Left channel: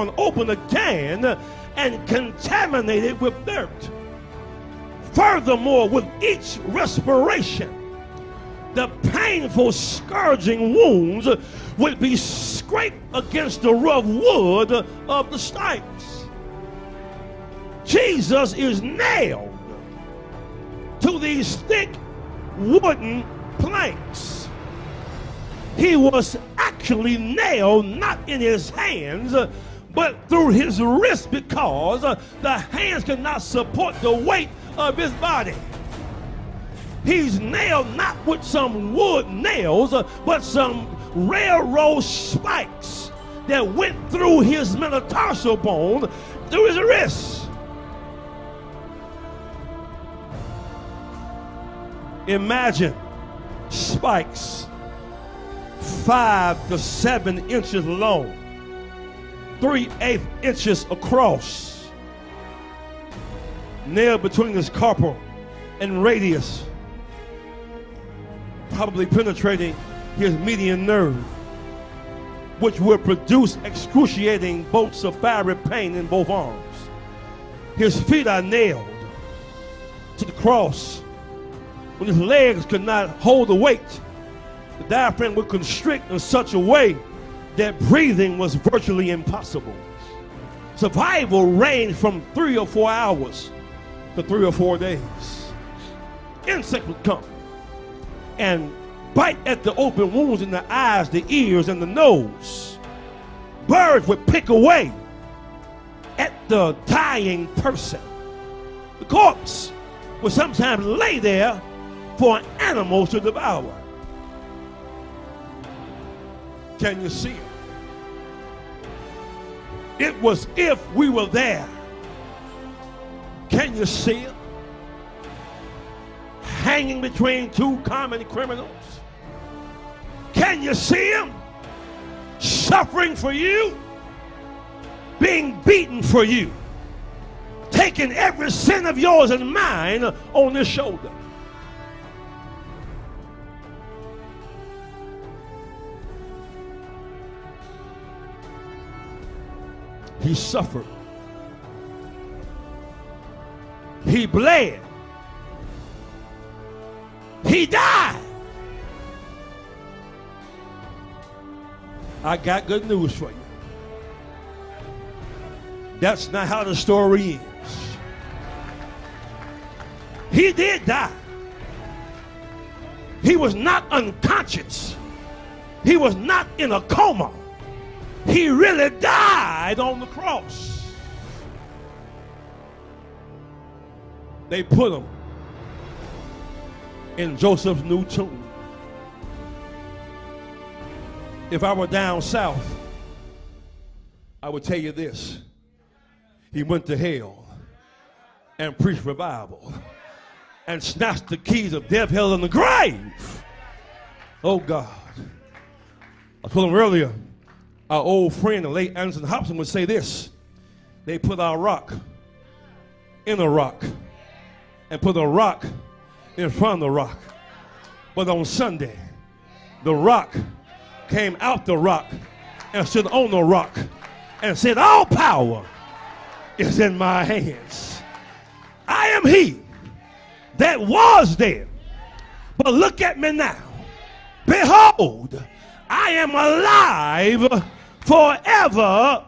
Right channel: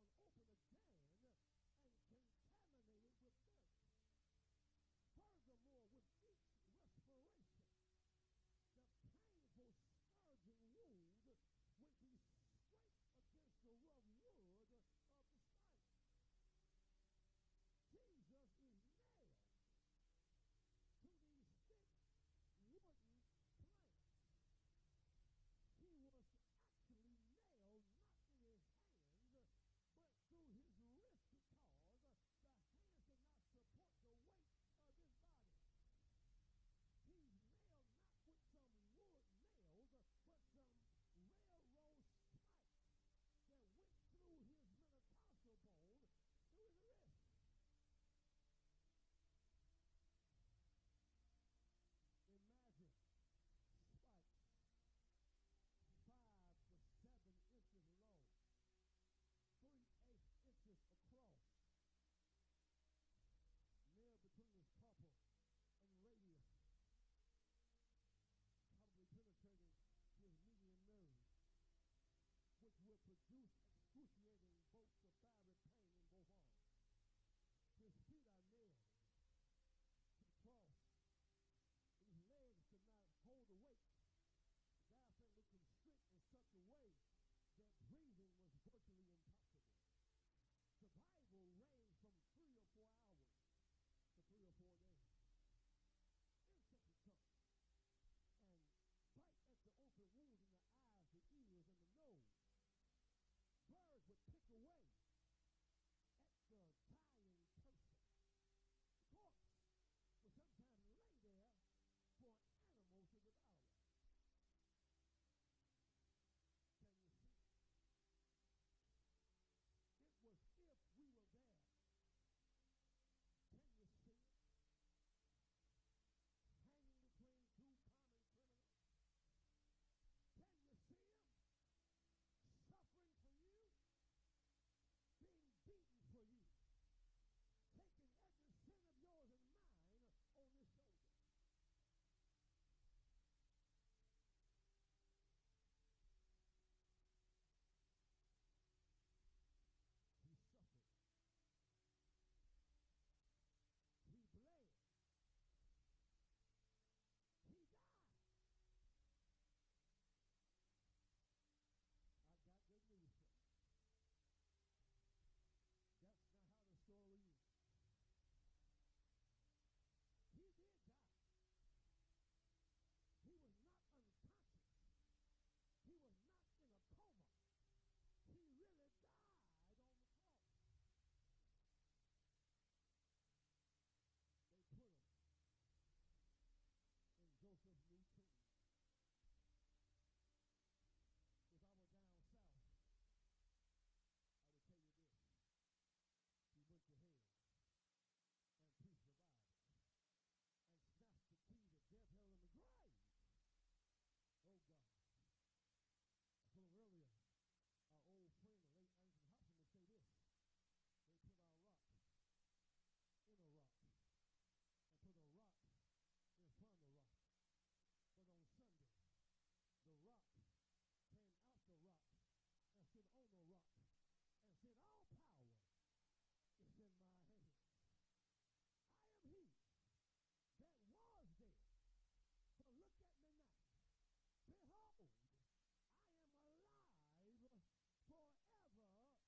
torn open again and contaminated with dirt. Furthermore, with each respiration, the painful scourging wounds would be scraped against the rough wood of the stripes. Jesus is nailed to these thick wooden planks. He was actually nailed not in his hands, but through his wrist, because the hands could not support the weight of his body. He's nailed not with some wood nails, but some railroad spikes that went through his metatarsal bone, through his wrist. Imagine spikes 5 to 7 inches long, 3/8 inches across, nailed between his carpal and radius, probably penetrating his median nerve, which would produce excruciating bolts of fiery pain in both arms. His feet are nailed to the cross. When his legs could not hold the weight, the diaphragm would constrict in such a way that breathing was virtually impossible. Survival ranged from 3 or 4 hours to 3 or 4 days. Insects would come and bite at the open wounds in the eyes, the ears, and the nose. Birds would pick away at the dying person. The corpse would sometimes lay there for animals to devour. Can you see it? It was if we were there. Can you see it? Hanging between 2 common criminals. Can you see him? Suffering for you, being beaten for you, taking every sin of yours and mine on his shoulder. He suffered. He bled. He died. I got good news for you. That's not how the story ends. He did die. He was not unconscious. He was not in a coma. He really died on the cross. They put him in Joseph's new tomb. If I were down south, I would tell you this. He went to hell and preached revival and snatched the keys of death, hell, and the grave. Oh, God. I told him earlier, our old friend, the late Anderson Hobson, would say this. They put our rock in a rock and put a rock in front of the rock. But on Sunday, the rock came out the rock and stood on the rock and said, all power is in my hands. I am he that was there, but look at me now. Behold, I am alive forevermore.